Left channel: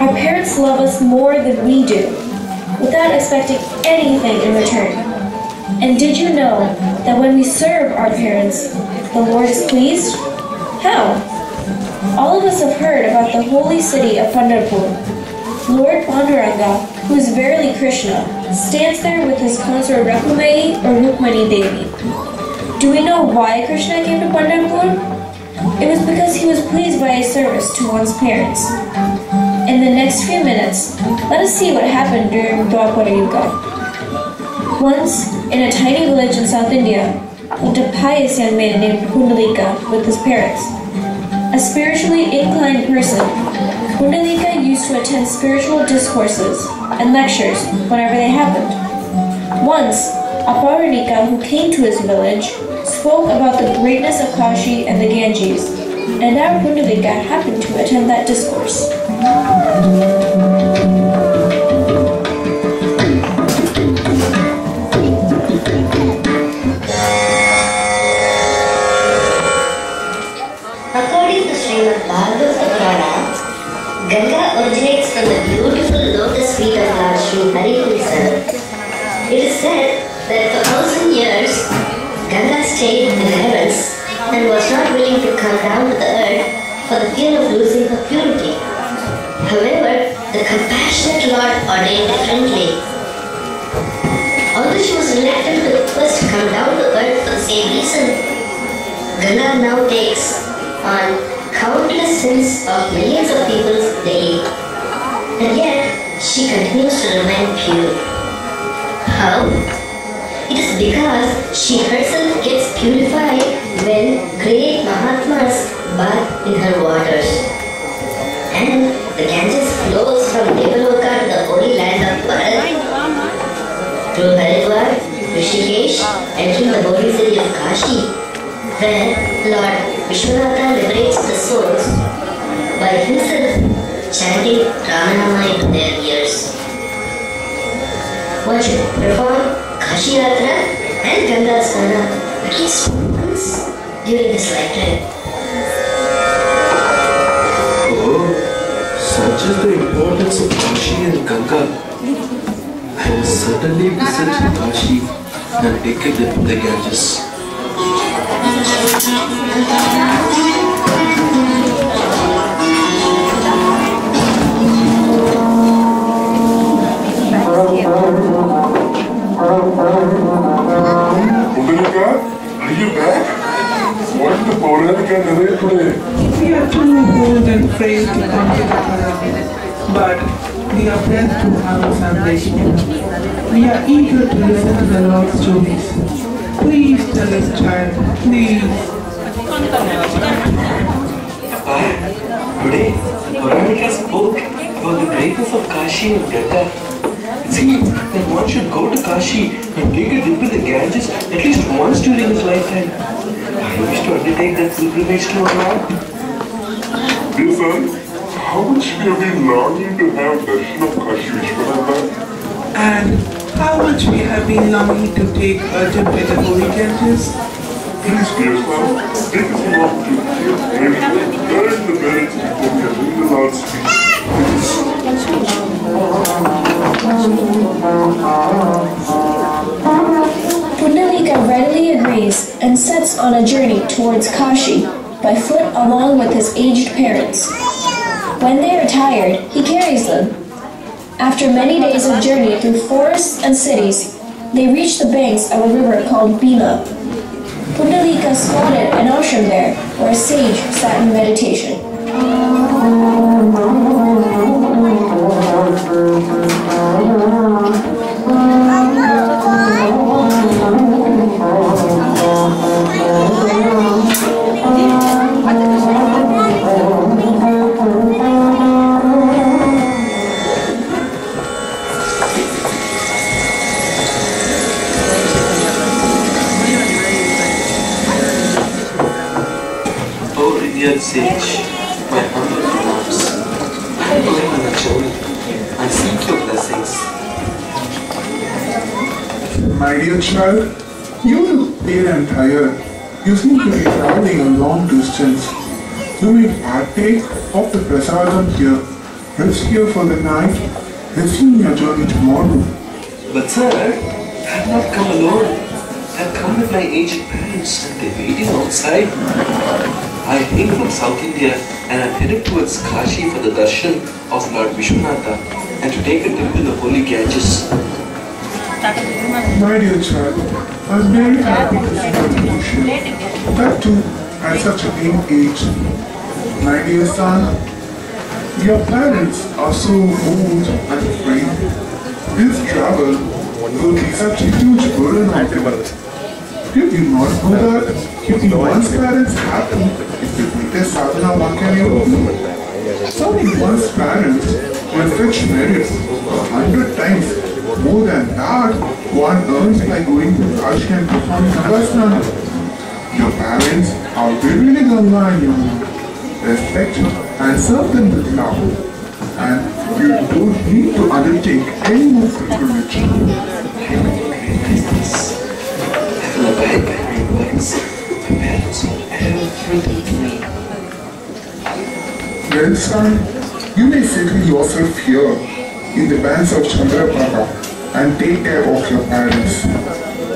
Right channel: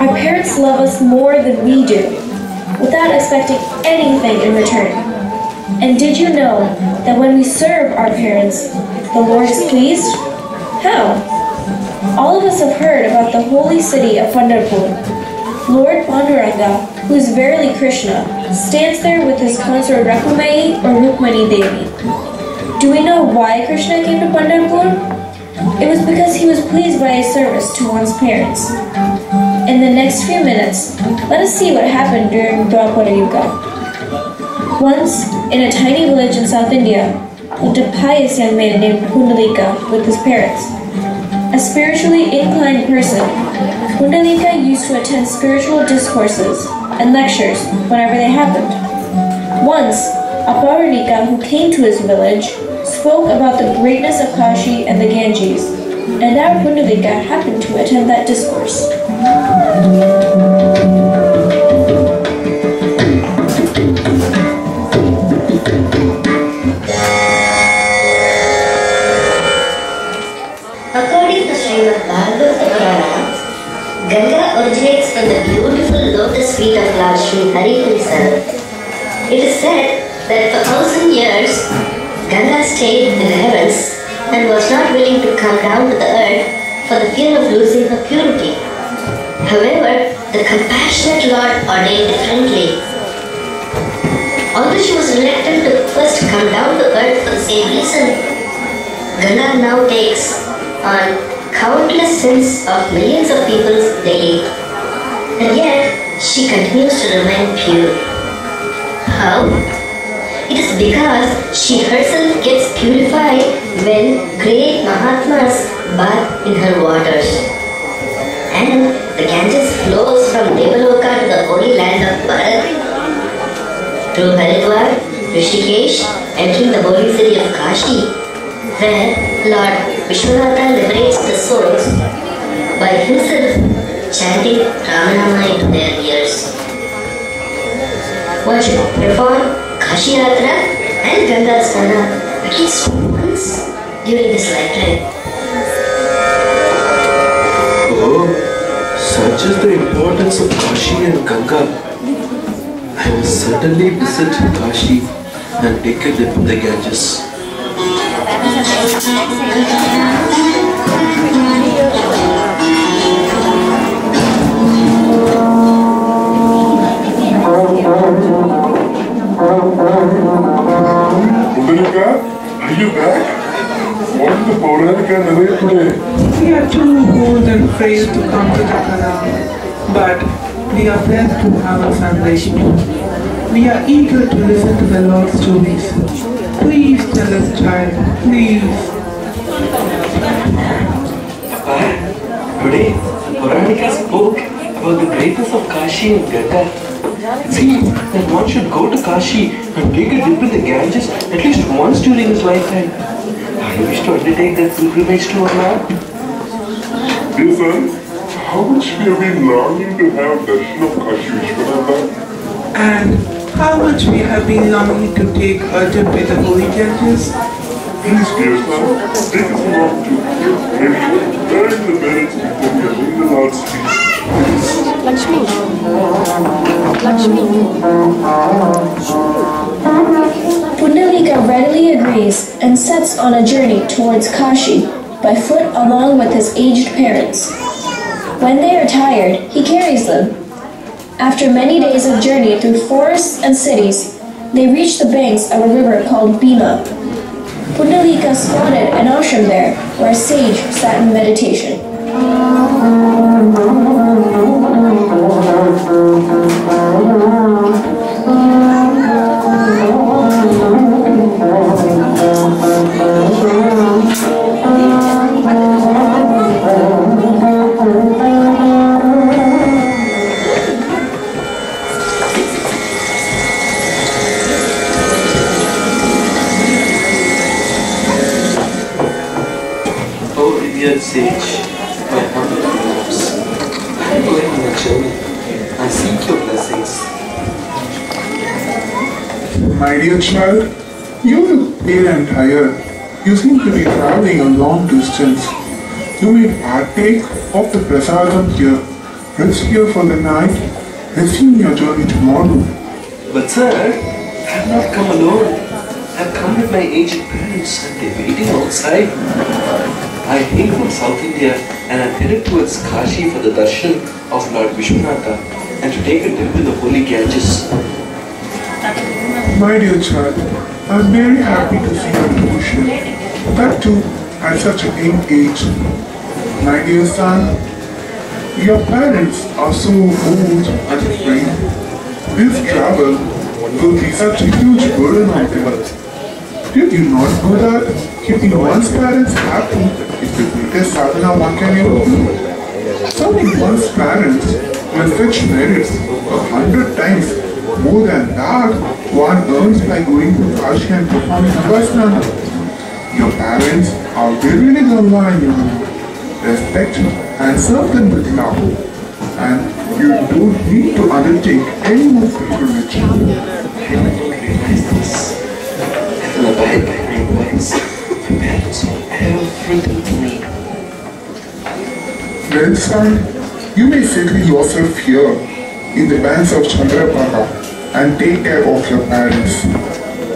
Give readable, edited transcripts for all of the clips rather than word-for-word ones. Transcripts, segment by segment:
Our parents love us more than we do, without expecting anything in return. And did you know that when we serve our parents, the Lord is pleased? How? All of us have heard about the holy city of Pundaleeka. Lord Panduranga, who is verily Krishna, stands there with his consort Rakumai or Rukmani Devi. Do we know why Krishna came to Pundaleeka? It was because he was pleased by his service to one's parents. In the next few minutes, let us see what happened during Gopa Kuteeram. Once, in a tiny village in South India, lived a pious young man named Pundaleeka with his parents. A spiritually inclined person, Pundaleeka used to attend spiritual discourses and lectures whenever they happened. Once, a Pauranika who came to his village spoke about the greatness of Kashi and the Ganges, and our Pundaleeka happened to attend that discourse. According to Srimad Bhagavata Purana, Ganga originates from the beautiful lotus feet of Lord Sri Hari. It is said that for 1,000 years, Ganga stayed in the heavens and was not willing to come down to the earth for the fear of losing her purity. However, the compassionate Lord ordained differently. Although she was reluctant to first come down to earth for the same reason, Ganga now takes on countless sins of millions of people daily, and yet she continues to remain pure. How? It is because she herself gets purified when great Mahatmas bath in her waters. And the Ganges flows from Devaloka to the holy land of Bharat, through Haridwar, Rishikesh, entering the holy city of Kashi, where Lord Vishwanatha liberates the souls by himself chanting Ramanama into their ears. One should perform Kashi Yatra and Ganga Snana at least once during this lifetime. Oh, such is the importance of Kashi and Ganga. I will certainly visit Kashi and take a dip in the Ganges. Pundaleeka, are you back? What did the Pundaleeka narrate today? We are too old and frail to come to the Kalam, but we are blessed to have a foundation. We are eager to listen to the Lord's stories. Please tell us, child, please. Today, Puranika spoke about the greatness of Kashi and Ganga. It seems that one should go to Kashi and take a dip in the Ganges at least once during his lifetime. I wish to undertake that pilgrimage to our Lord. Dear son, how much we have been longing to have darshan of Kashi Vishwanatha. And how much we have been longing to take a dip in the holy Ganges. Please, dear son, take us along to maybe learn the merits before we attend the Lord's feast. Pundaleeka readily agrees and sets on a journey towards Kashi by foot along with his aged parents. When they are tired, he carries them. After many days of journey through forests and cities, they reach the banks of a river called Bhima. Pundaleeka spotted an ashram there where a sage sat in meditation. Revered sage, my humble regards. I am going on a journey. I seek your blessings. My dear child, you look pale and tired. You seem to be traveling a long distance. You may partake of the prasadam here Rest here for the night. Resume your journey tomorrow. But sir, I have not come alone. I have come with my aged parents and they're waiting outside. I hail from South India and I'm headed towards Kashi for the darshan of Lord Vishwanatha and to take a dip in the holy Ganges. My dear child, I'm very happy to see your devotion. That too, at such a young age. My dear son, your parents are so old and frail. This travel will be such a huge burden on them. Did you not know that keeping one's parents happy is the greatest sadhana one can ever do? Serving one's parents will fetch merits 100 times more than that one earns by going to Kashi and performing Upasana. Your parents are very Allah in you. Respect and serve them with love. And you don't need to undertake any more pilgrimage. I will abide by my words. My parents are everything to me. Well, son, you may settle yourself here in the banks of Chandrapaka and take care of your parents.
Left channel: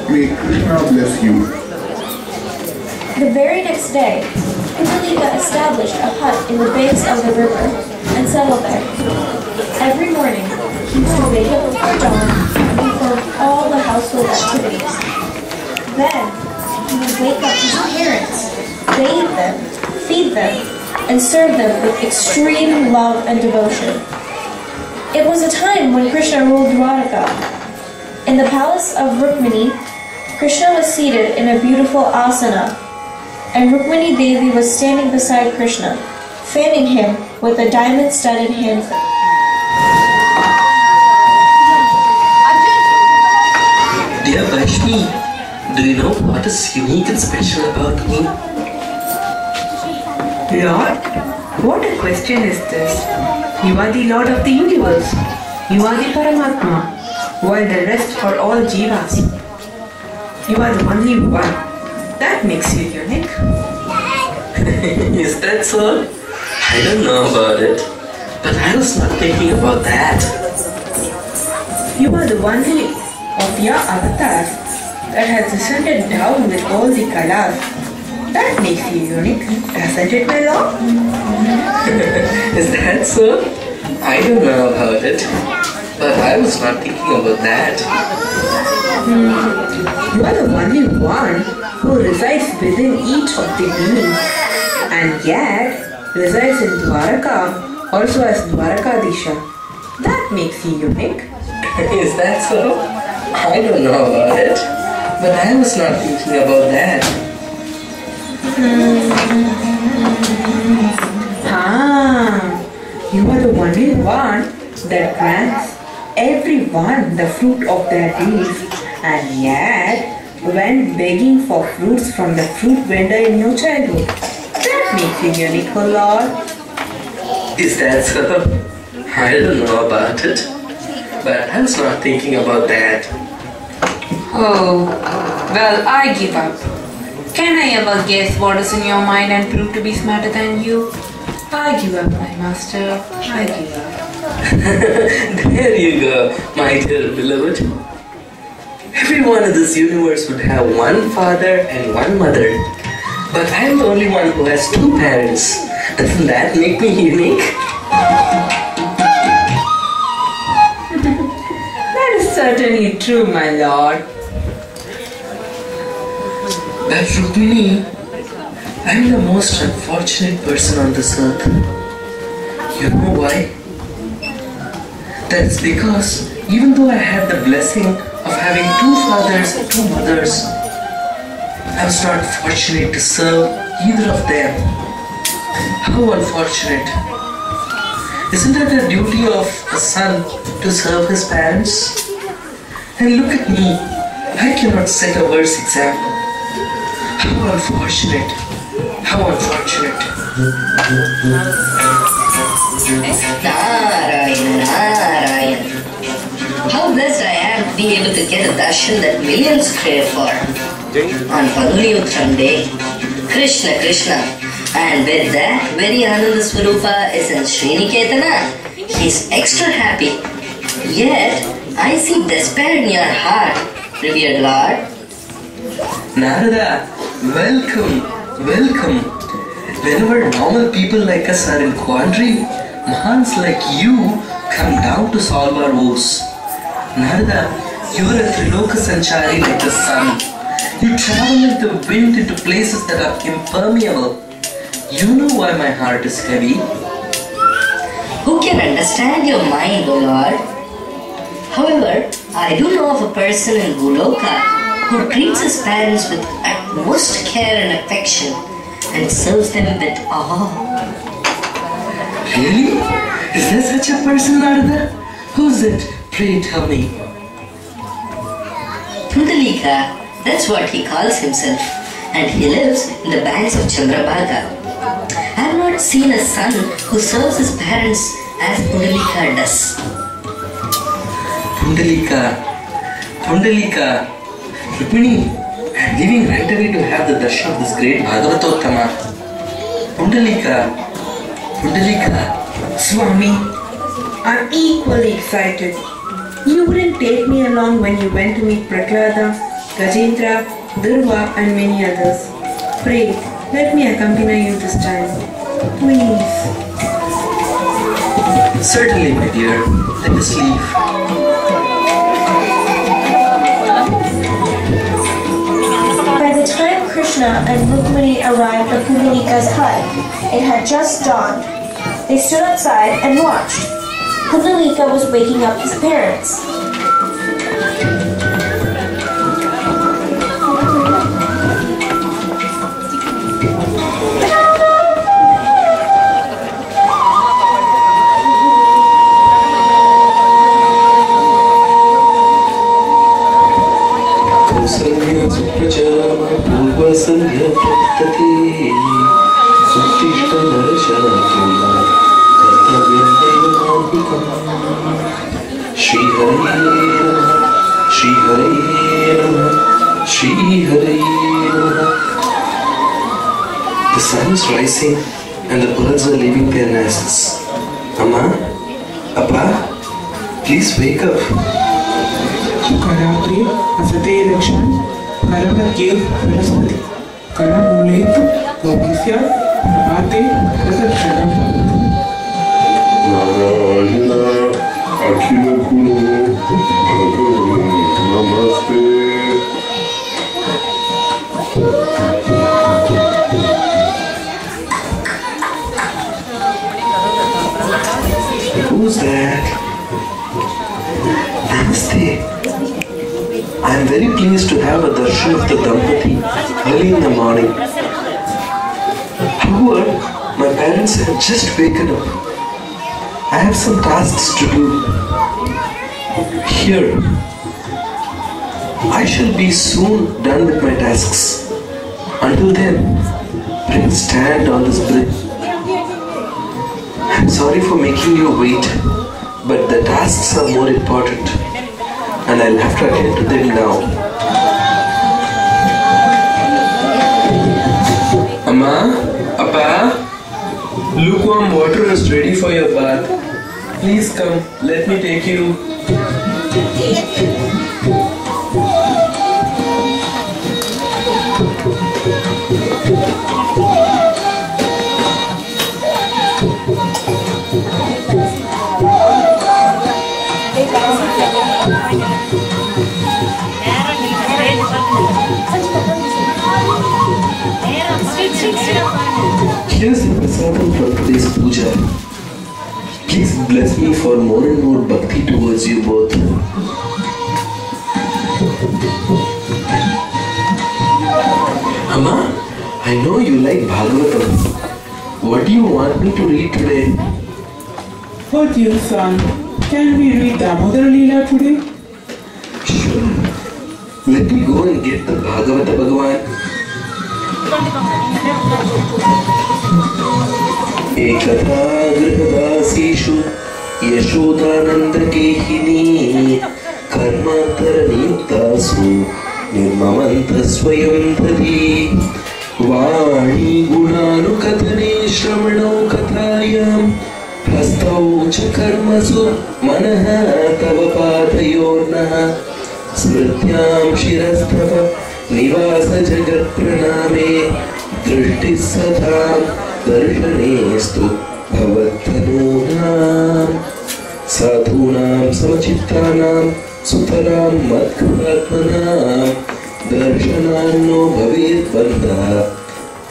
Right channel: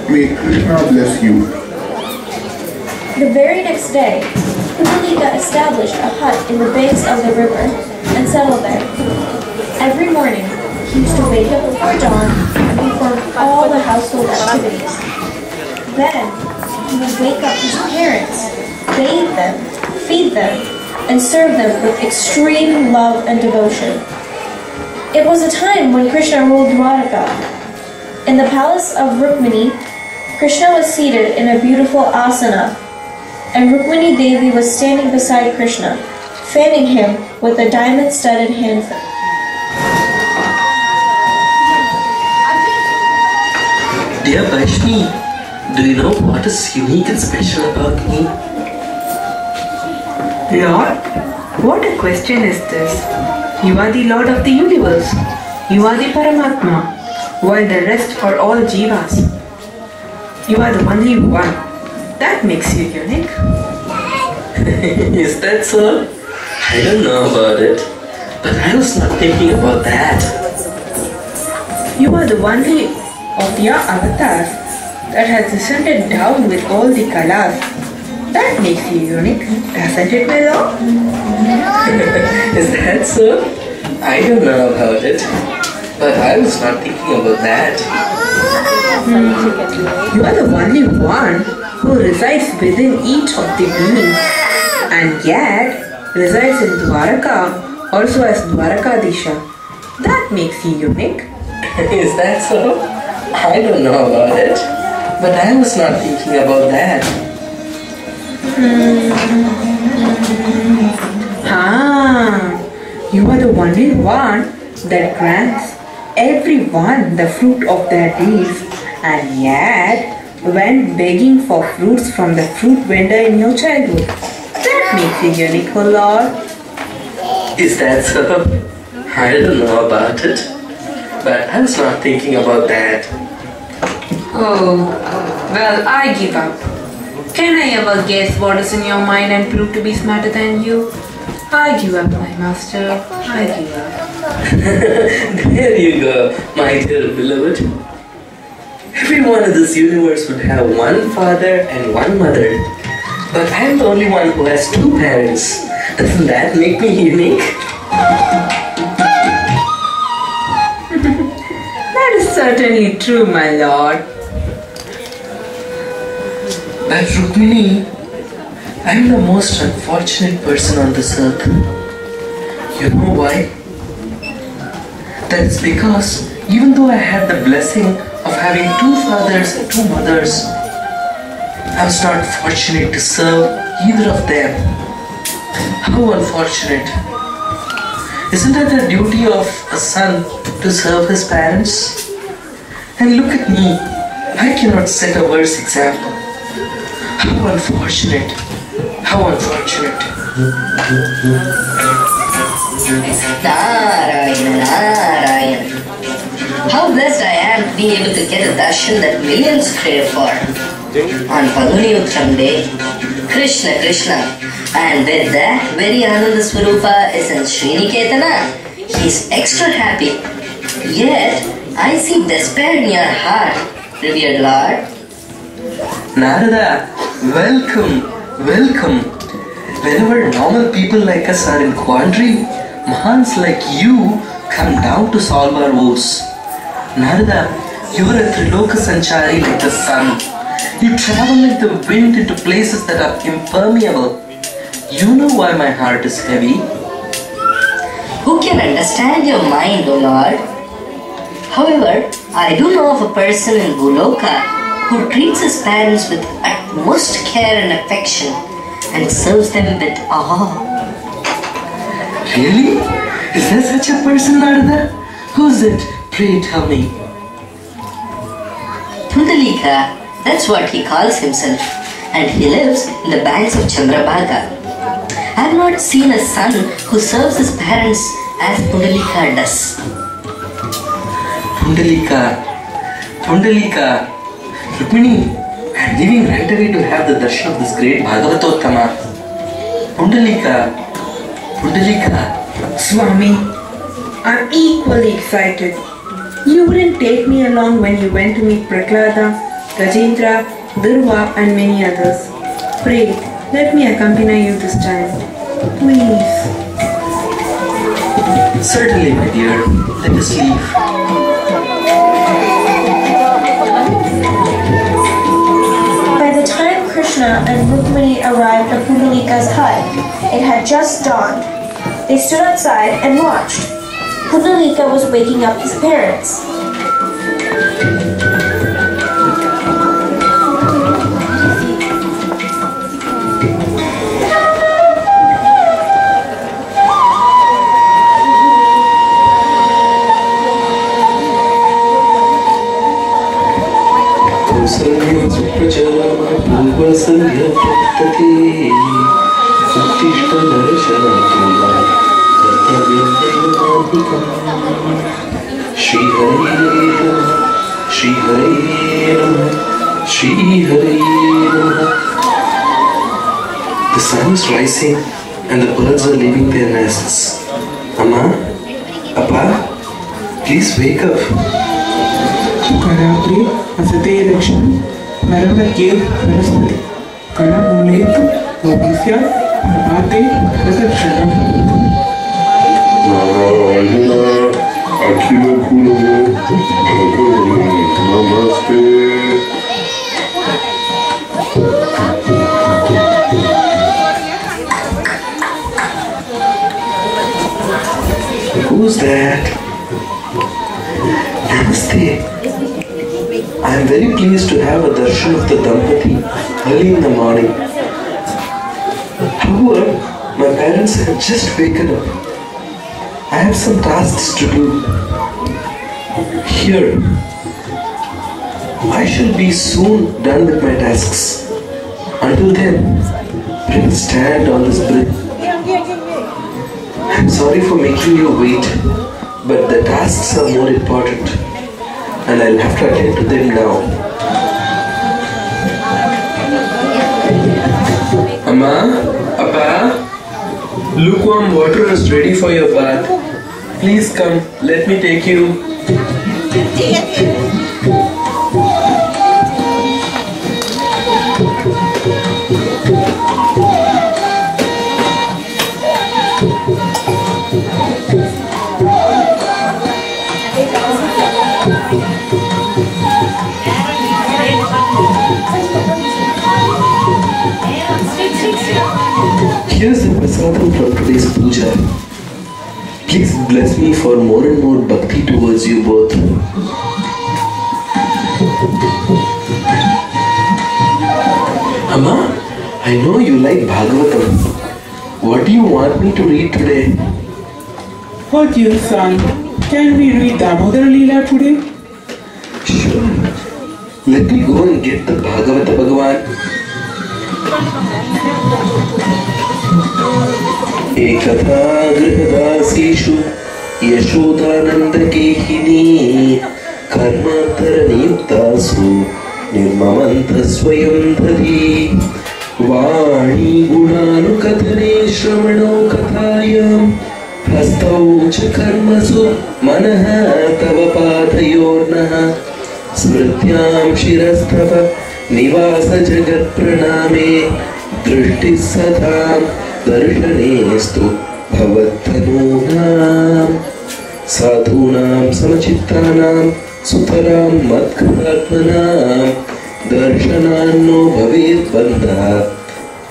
May Krishna bless you. The very next day, Pundaleeka established a hut in the banks of the river and settled there. Every morning, he used to wake up before dawn and perform all the household activities. Then, he would wake up his parents, bathe them, feed them, and serve them with extreme love and devotion. It was a time when Krishna ruled Dwaraka. In the palace of Rukmini, Krishna was seated in a beautiful asana, and Rukmini Devi was standing beside Krishna, fanning him with a diamond-studded hand fan. Dear Vaishni, do you know what is unique and special about me? Lord, what a question is this? You are the Lord of the universe. You are the Paramatma, while the rest are all Jivas. You are the only one. That makes you unique. Is that so? I don't know about it, but I was not thinking about that. You are the only of your avatars that has descended down with all the colors. That makes you unique, doesn't it, my lord? Is that so? I don't know about it, but I was not thinking about that. You are the only one who resides within each of the beings, and yet resides in Dwaraka, also as Dwarakadisha. That makes you unique. Is that so? I don't know about it, but I was not thinking about that. You are the only one that grants everyone the fruit of their deeds, and yet went begging for fruits from the fruit vendor in your childhood. That makes you unique, oh Lord. Is that so? I don't know about it, but I was not thinking about that. Oh, well, I give up. Can I ever guess what is in your mind and prove to be smarter than you? I give up, my master. I give up. There you go, my dear beloved. Everyone in this universe would have one father and one mother. But I'm the only one who has two parents. Doesn't that make me unique? That is certainly true, my lord. But Rukmini, I'm the most unfortunate person on this earth. You know why? That's because even though I had the blessing of having two fathers and two mothers, I was not fortunate to serve either of them. How unfortunate. Isn't it the duty of a son to serve his parents? And look at me, I cannot set a worse example. How unfortunate. How unfortunate. Narayana. How blessed I am to be able to get a darshan that millions crave for. On Pundaleeka Day, Krishna, and with that very Ananda Swarupa is in Sriniketana. He's extra happy. Yet, I see despair in your heart, revered Lord. Narada, welcome, welcome. Whenever normal people like us are in quandary, Mahans like you come down to solve our woes. Narada, you are a Triloka Sanchari like the sun. You travel like the wind into places that are impermeable. You know why my heart is heavy. Who can understand your mind, O Lord? However, I do know of a person in Buloka who treats his parents with utmost care and affection and serves them with awe. Really? Is there such a person, Narada? Who's it? Pray tell me. Pundaleeka, that's what he calls himself, and he lives in the banks of Chandrabhaga. I have not seen a son who serves his parents as Pundaleeka does. Pundaleeka, Rukmini, I'm leaving right away to have the darshan of this great Bhagavatottama. Pundaleeka. Swami, I'm equally excited. You wouldn't take me along when you went to meet Prahlada, Gajendra, Durva and many others. Pray, let me accompany you this time. Please. Certainly, my dear. Let us leave. By the time Krishna and Rukmini arrived at Pundaleeka's hut, it had just dawned. They stood outside and watched. Pundaleeka was waking up his parents. The sun is rising and the birds are leaving their nests. Amma, Appa, please wake up. Karapri, Asate election, Karama gave Saraswati. Karamuletu, Obisya, Ate, Reception. Narayana, Akhila Guru, Bhagavan, Namaste. Who's that? Namaste. I am very pleased to have a darshan of the Dampati early in the morning. However, my parents have just waken up. I have some tasks to do. Here, I shall be soon done with my tasks. Until then, please stand on this bridge. I'm sorry for making you wait, but the tasks are more important and I'll have to attend to them now. Amma, Appa, lukewarm water is ready for your bath. Please come, let me take you. Here's the prasadam from today's puja. Please bless me for more and more bhakti towards you both. Amma, I know you like Bhagavatam. What do you want me to read today? What dear son, can we read Damodar Leela today? Sure. Let me go and get the Bhagavata Bhagavan. एकथा गृहदासीषु यशोदानन्दकेहिनी कर्मान्तरनियुक्तासु निर्ममन्तः स्वयं धरी वाणी गुणानुकथने श्रवणो कथायां हस्तौ च कर्मसु मनः तव पादयोर्नः स्मृत्यां शिरस्तव निवास जगत्प्रणामे दृष्टिः सदां दर्शनेस्तु भवत्तनूनां साधूनां समचित्तानां सुतरां मत्कृतात्मनां दर्शनान्नो भवेद्बन्धः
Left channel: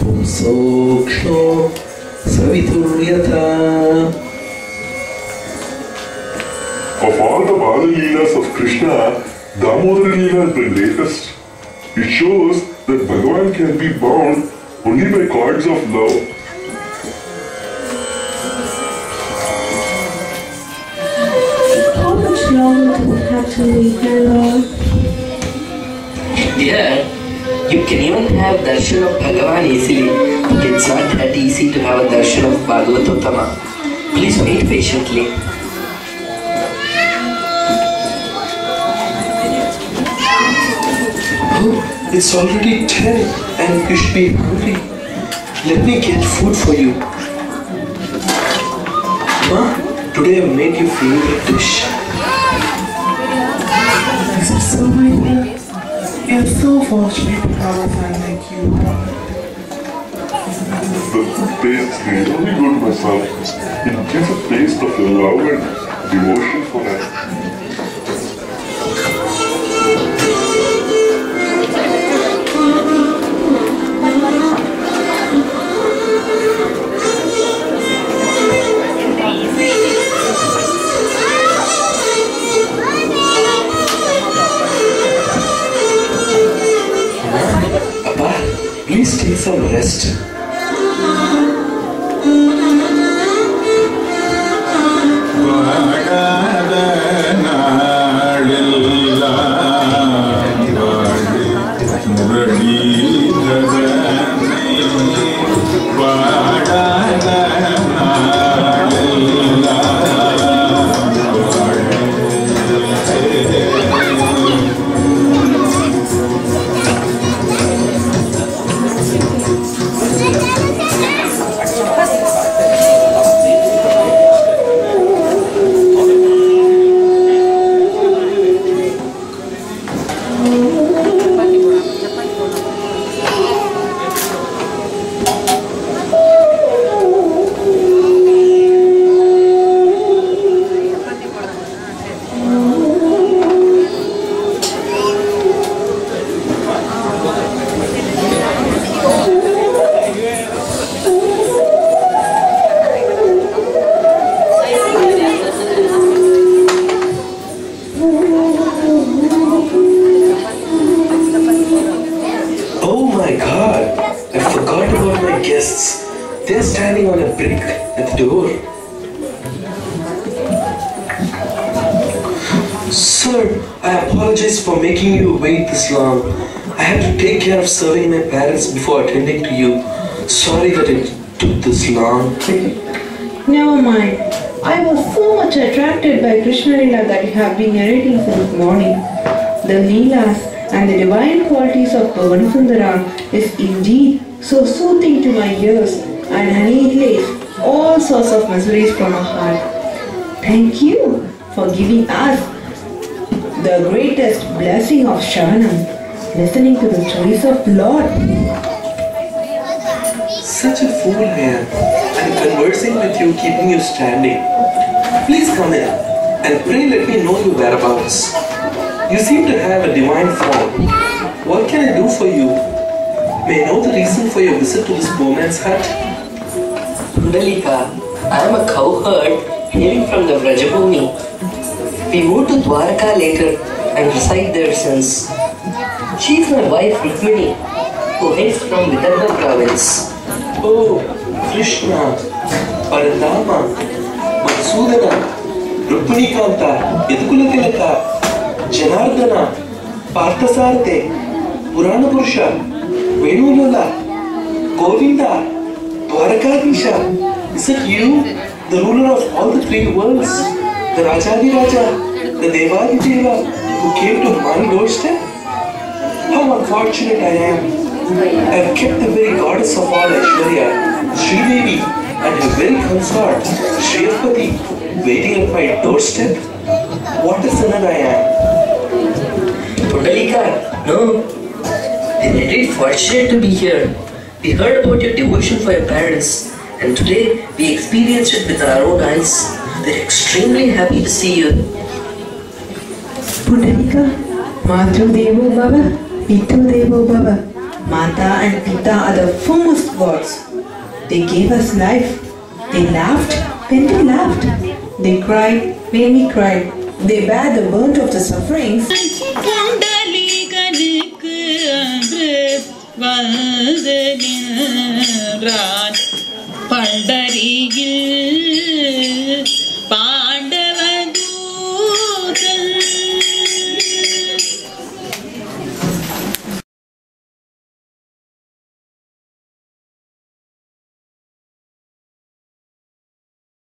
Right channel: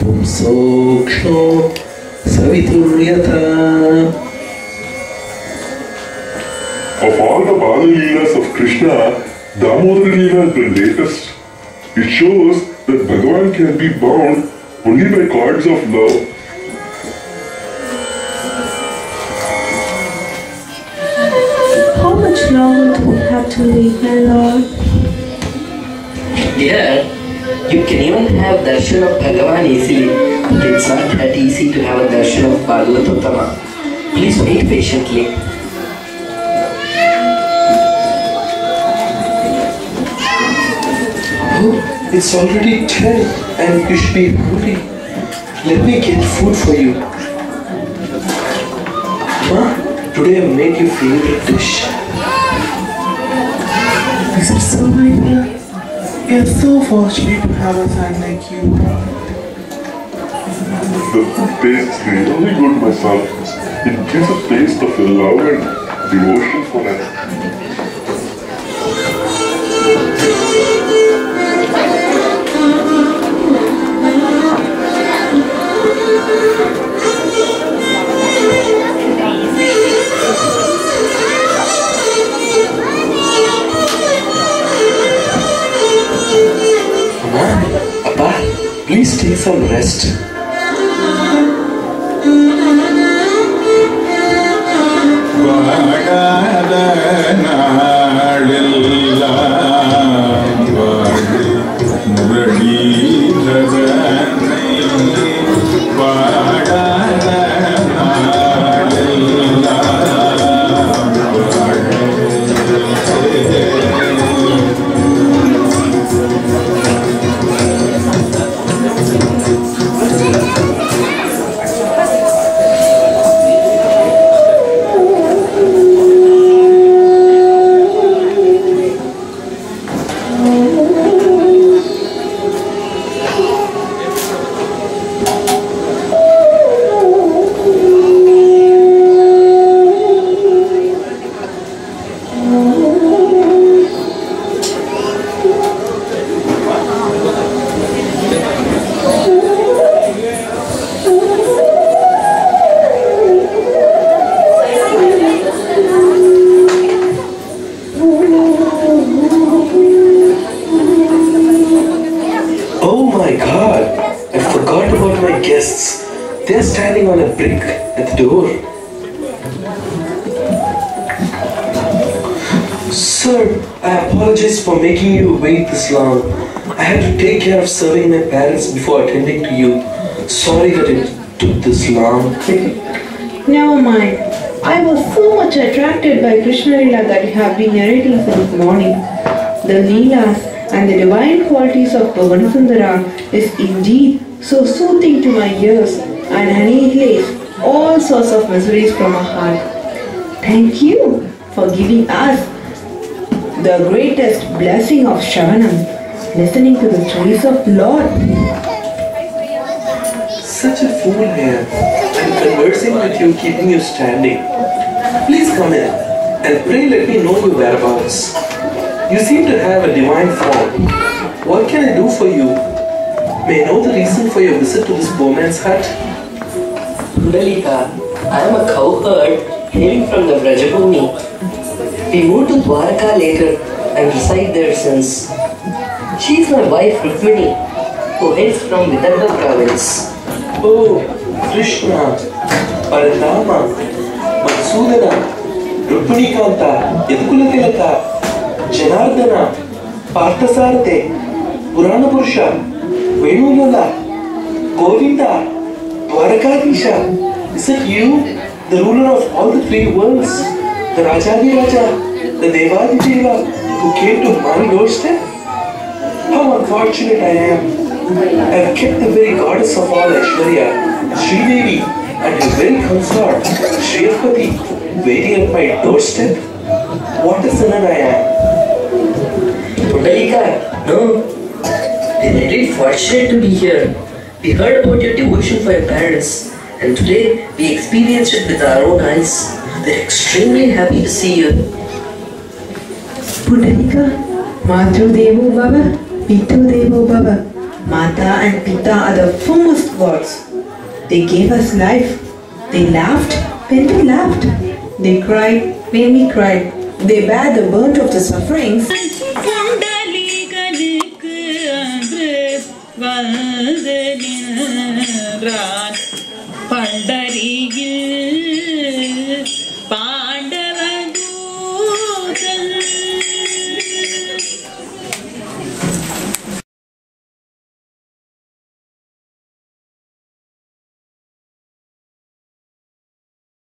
पुंसोक्ष्णो सवितुर्यथा. Of all the Bala Leelas of Krishna, Damodara Leela is the latest. It shows that Bhagavan can be bound only by cords of love. How much longer do we have to live here, Lord? Dear, you can even have darshan of Bhagavan easily, but it's not that easy to have a darshan of Bhagavatottama. Please wait patiently. Oh, it's already 10 and you should be hungry. Let me get food for you. Ma, today I made your favorite dish. Is it so, my dear? You're so fortunate to have a son like you. The food tastes really good, my son. It gives a taste of your love and devotion for us. Please take some rest. They're standing on a brick at the door. Sir, I apologize for making you wait this long. I had to take care of serving my parents before attending to you. Sorry that it took this long. Never mind. I was so much attracted by Krishna Leela that you have been narrating since morning. The Leelas and the divine qualities of Bhavanasundara is indeed so soothing to my ears and annihilates all sorts of miseries from our heart. Thank you for giving us the greatest blessing of Shravanam, listening to the stories of Lord. Such a fool here. I'm conversing with you, keeping you standing. Please come in and pray let me know your whereabouts. You seem to have a divine form. What can I do for you? May I know the reason for your visit to this poor man's hut? Pundaleeka, I am a cowherd hailing from the Vrajabhumi. We moved to Dwarka later and reside there since. She is my wife Rukmini, who hails from Vidarbha province. Oh, Krishna, Paradama, Matsudana, Rukminikanta, Yadukulatilaka, Janardana, Parthasarthe, Purana Purusha, Venulala, Govinda, Dwarakadisha. Is it you, the ruler of all the three worlds, the Rajadi Raja, the Devadi Deva, who came to my doorstep? How unfortunate I am. I have kept the very goddess of all Aishwarya, Sridevi, and your very consort, Shriyapati, waiting at my doorstep? What a sinner I am. Pundaleeka, no. We are indeed fortunate to be here. We heard about your devotion for your parents, and today we experienced it with our own eyes. We're extremely happy to see you. Pundaleeka, Matru Devo Baba, Pitu Devo Baba. Mata and Pita are the foremost gods. They gave us life. They laughed when we laughed. They cried when we cried. They bear the burnt of the sufferings. Pandari